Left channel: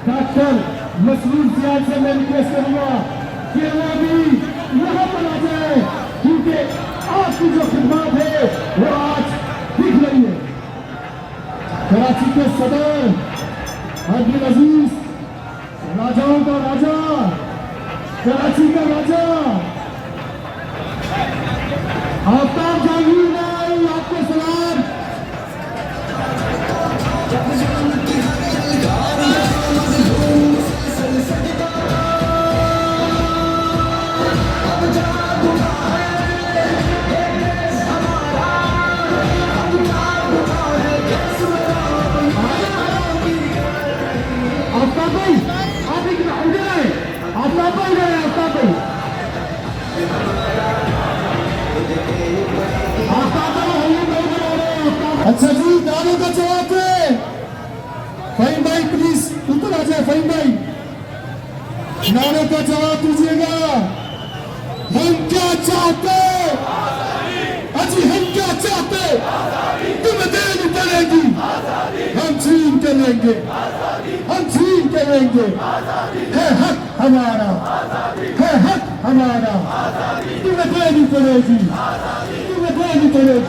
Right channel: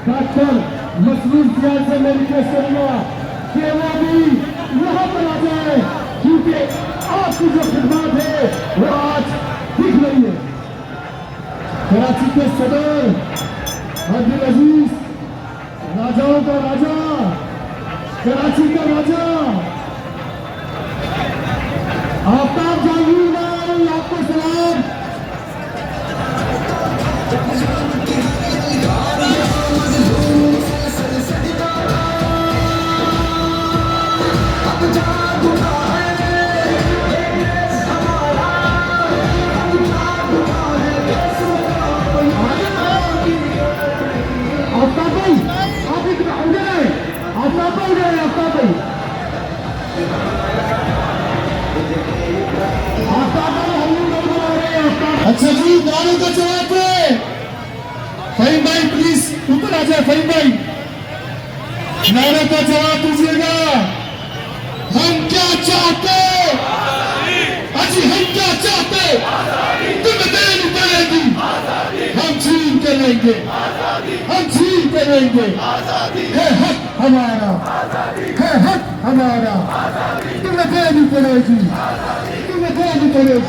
Doctor Masroor सियाल से मैं request करूंगा कि वो भी यहाँ पर आ जाए, क्योंकि आपकी जो खिदमत है वो आज दिख रही है। कराची के सदर अब्दुल अजीज, राजाओं का राजा, कराची का राजा आफ्ताब जहांगीर भाई, आपको सलाम। अच्छा जी, नारों का जवाब है। फहीम भाई प्लीज ऊपर आ जाए। फहीम भाई नारों का जवाब दीजिएगा। हम क्या चाहते, अजी हम क्या चाहते, तुम देन पड़ेगी, हम छीन के लेंगे, हम छीन के लेंगे। है हक हमारा, है हक हमारा, तुम्हें देनी पड़ेगी, तुम्हें देनी पड़ेगी।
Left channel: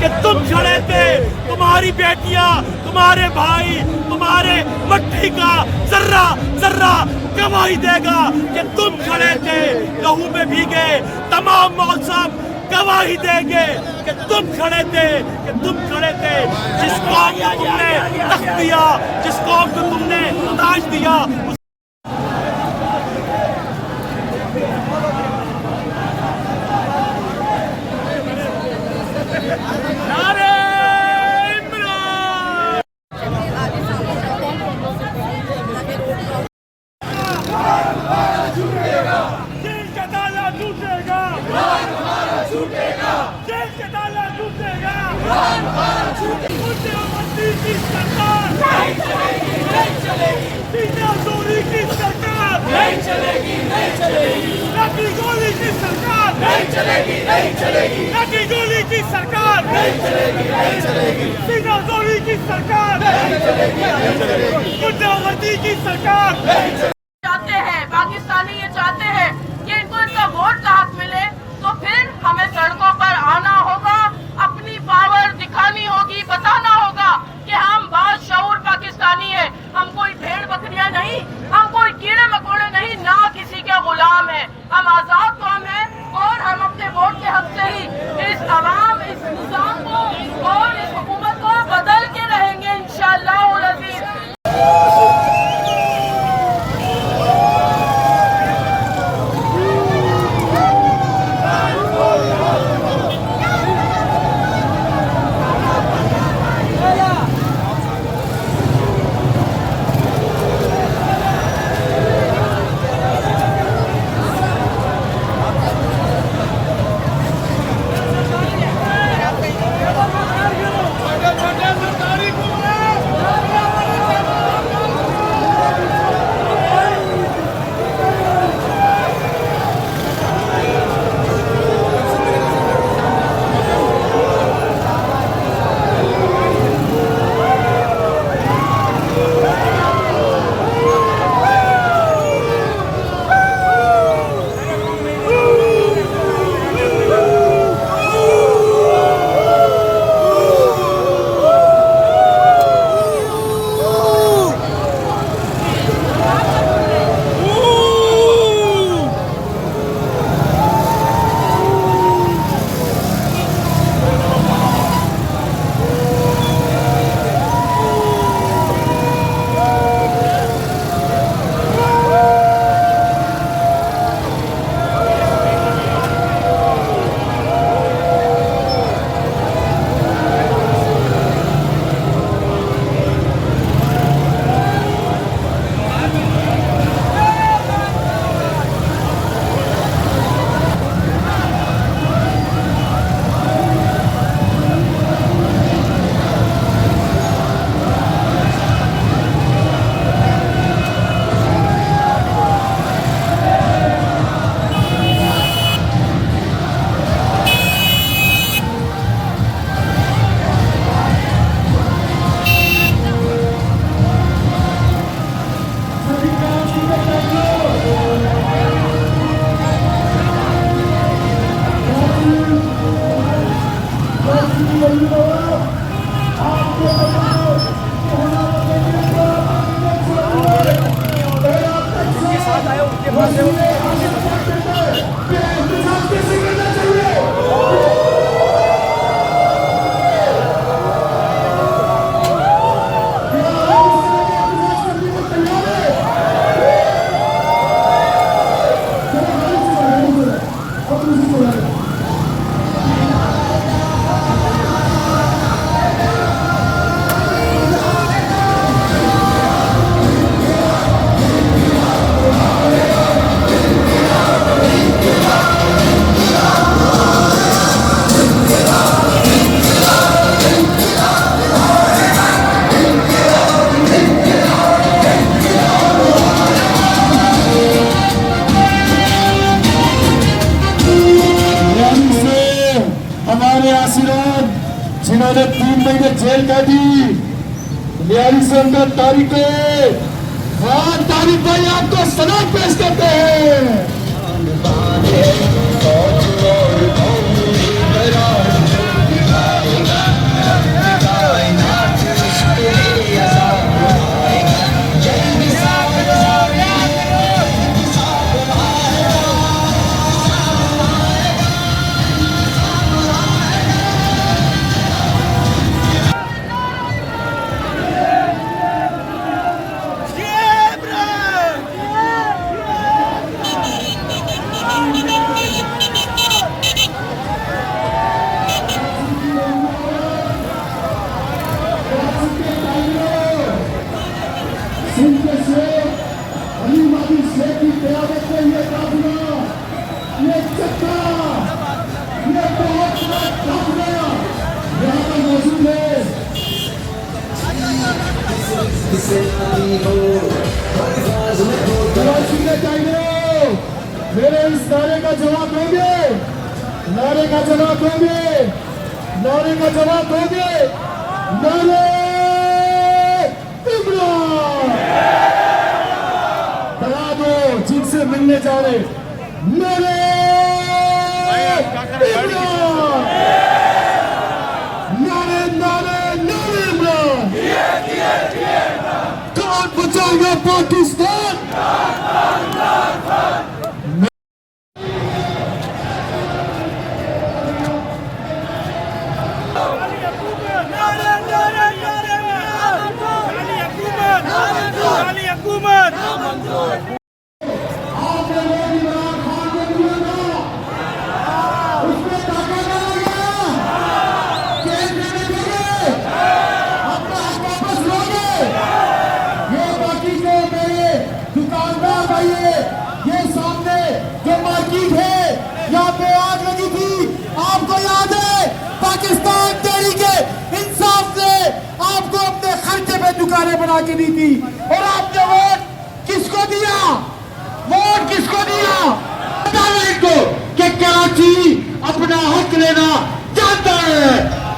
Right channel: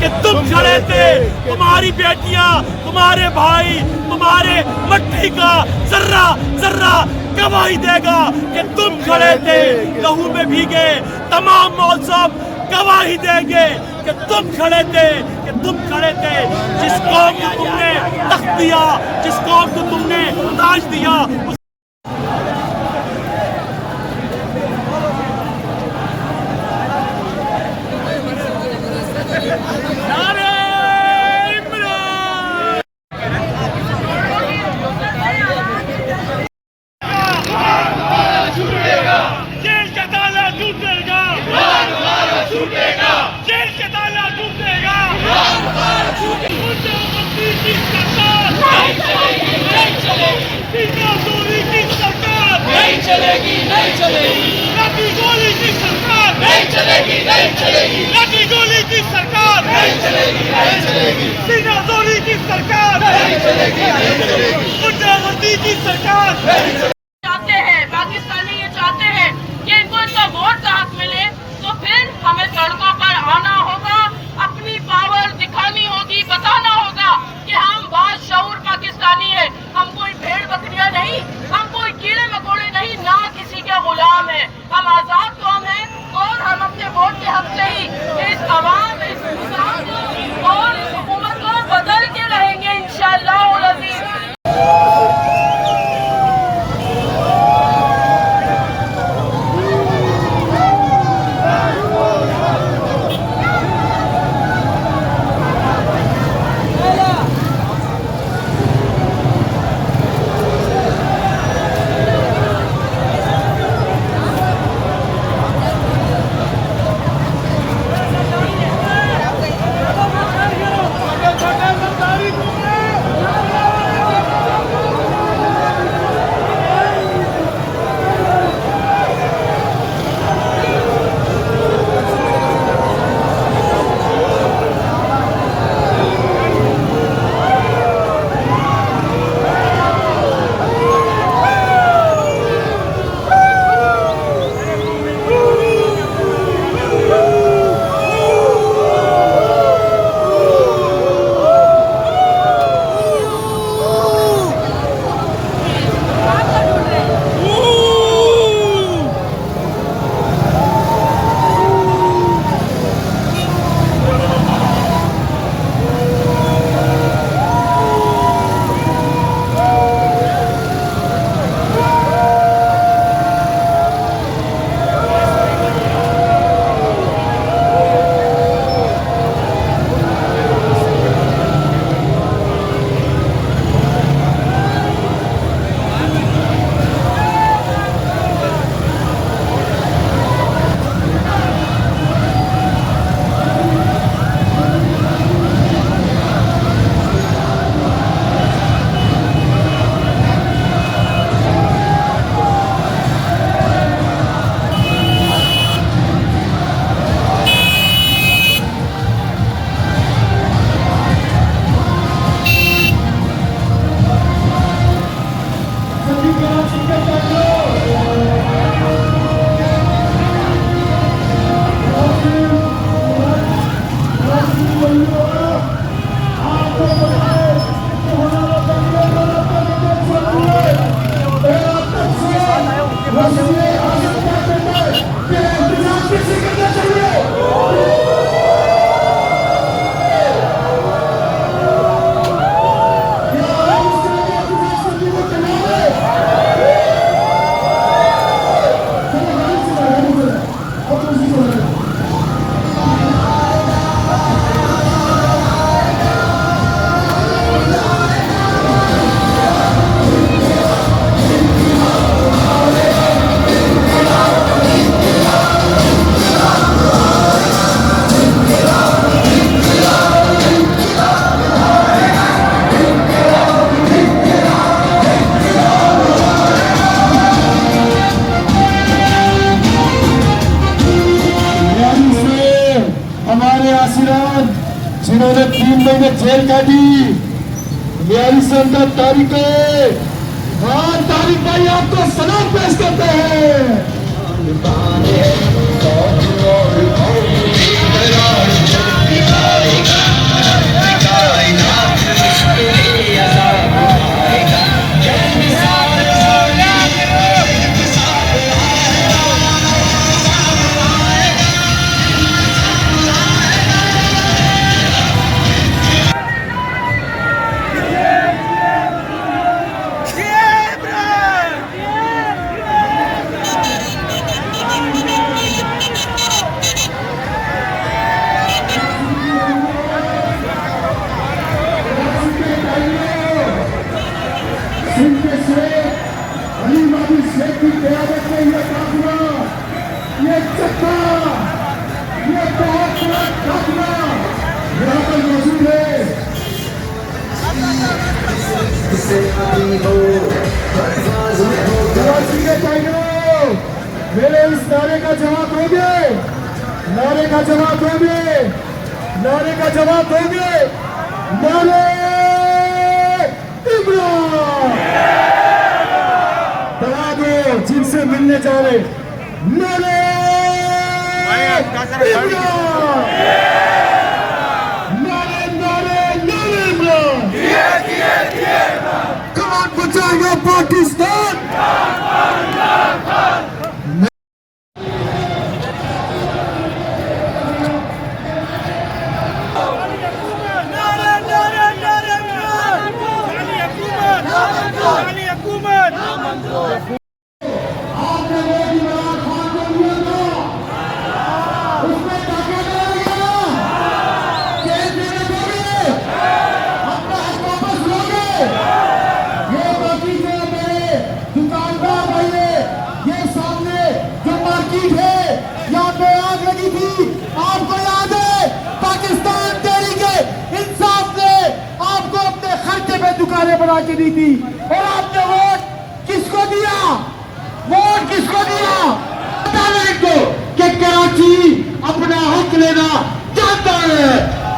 कि तुम खड़े थे, तुम्हारी बेटियां, तुम्हारे भाई, तुम्हारे मट्टी का जर्रा जर्रा गवाही देगा कि तुम खड़े थे। लहू में भीगे तमाम मौसम गवाही देंगे कि तुम खड़े थे, कि तुम खड़े थे। जिस कौम को तुमने तख्त दिया, जिस कौम को तुमने ताज दिया, की सरकार नहीं चलेगी, नहीं चलेगी। सीना चोरी की सरकार नहीं चलेगी, नहीं चलेगी। लगी गोली की सरकार नहीं चलेगी, नहीं चलेगी। लगी गोली की सरकार नहीं चलेगी, नहीं चलेगी। सीना चोरी की सरकार नहीं चलेगी, नहीं चलेगी। गुंडागर्दी की सरकार नहीं चलेगी। चाहते हैं पाकिस्तानी, ये चाहते हैं कि इनको इनका वोट का हक मिले, तो फिर हमें सड़कों पर आना होगा, अपनी पावर दिखानी होगी, बताना होगा कि हम बाशऊर पाकिस्तानी है। हम कोई भेड़ बकरियां नहीं, हम कोई कीड़े मकोड़े नहीं, ना किसी के गुलाम है। हम आजाद कौम है और हम अपने वोट के हक से ही इस अवाम, इस निजाम को और इस हुकूमत को बदल के रहेंगे इंशाअल्लाह। के इधर जेल कैदी 42 तारीख को हाँ तारीख भाई आपको सलाम पेश करते हैं। सिंध के शेख अलीमादी शेख की क़यादत में ये काफिला, ये चक्का, ये बहुत बड़ा काफिला यहाँ पर मौजूद है। कराची के टाइगरों, मेरे इस नारे का जवाब दोगे? नारे का जवाब दोगे? नारे का जवाब दोगे? नारे इमरान बता दो जिनसे मिलने जाओगे। नारे इमरान, नारे नारे नारे इमरान। कौन बचाएगा पाकिस्तान? आपने वो इमरान खान को दिया था, उसमें ताका करेगा, केस देने दोगे, अपना हक वापस लोगे। ये बाकी को मेरे दुकानदार भाई, ये सामने जो मार्केट है यहाँ पे आग लगी थी, आपको याद है? पाकिस्तान तहरीके इंसाफ ने आपको अपने खर्चे में दुकानें बना के दी थी और आपने वोट किसको दिया? वोट किसको दिया? बताना इनको कि कराची अपना हक लेना जानता है।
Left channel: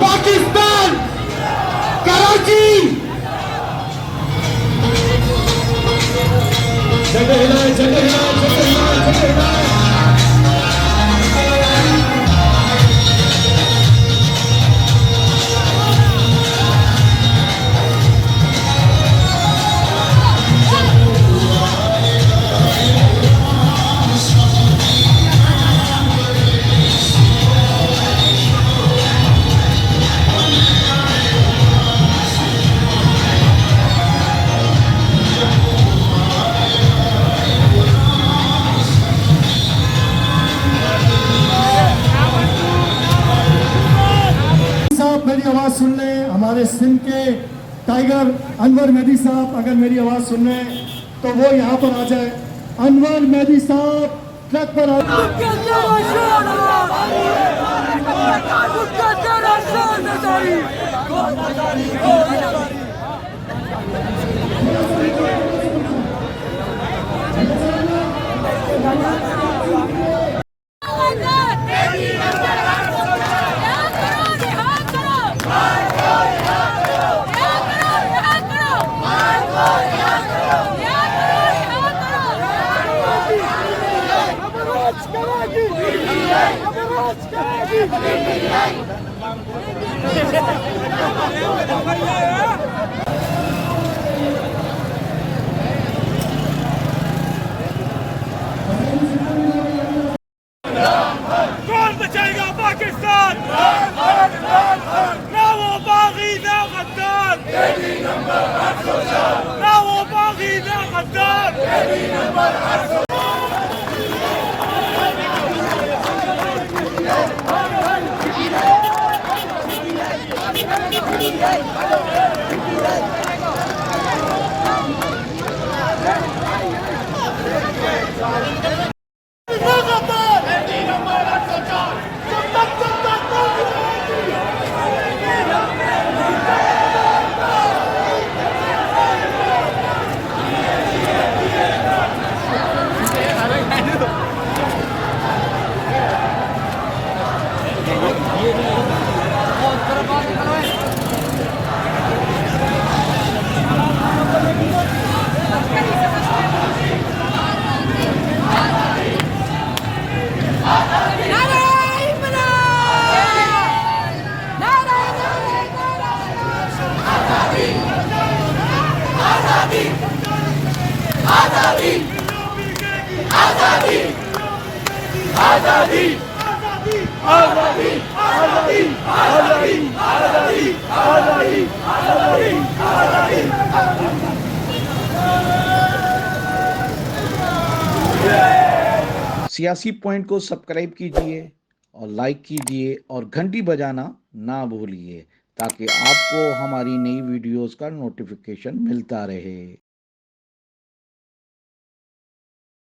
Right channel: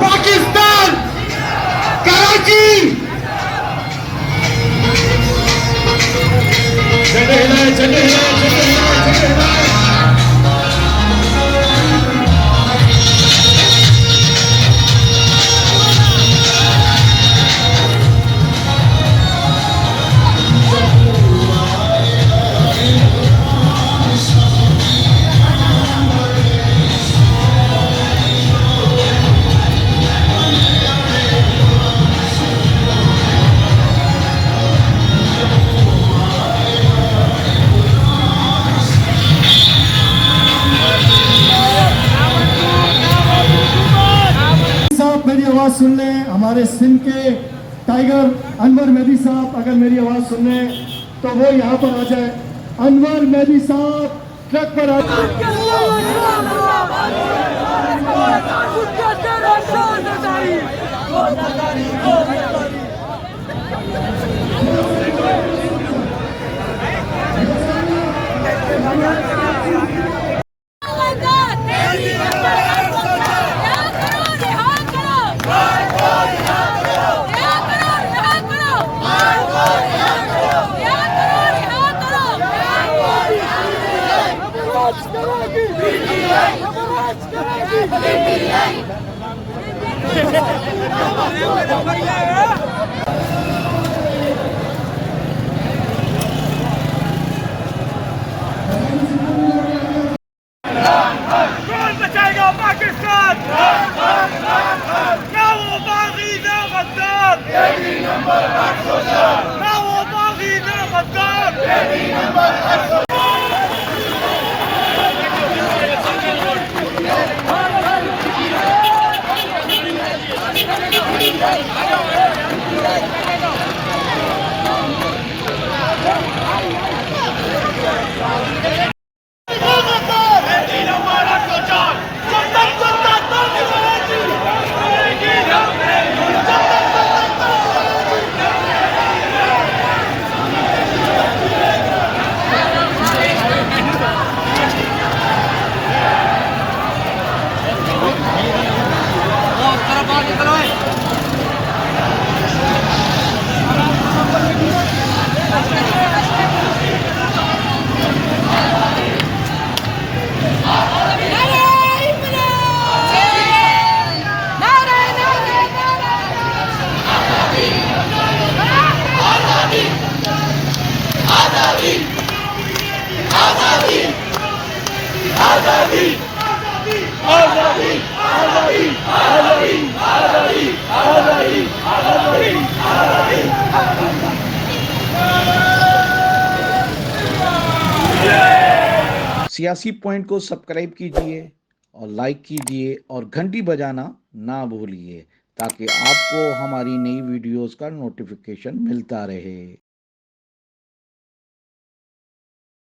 पाकिस्तान कराची जगह हिलाए, जगह हिलाए, जगह हिलाए, जगह हिलाए। मेरी आवाज सुन लें, हमारे सिंध के टाइगर अनवर मेहदी साहब अगर मेरी आवाज सुन लें तो वो यहाँ पर आ जाए। अनवर मेहदी साहब ट्रक पर कौन बचाएगा पाकिस्तान? ना वो बागी ना गद्दार, ना वो बागी ना गद्दार। आजादी आजादी आजादी आजादी आजादी आजादी आजादी आजादी। सियासी पॉइंट को सब्सक्राइब कीजिए और लाइक कीजिए और घंटी बजाना ना भूलिए ताकि आपको हमारी नई वीडियोस का नोटिफिकेशन मिलता रहे।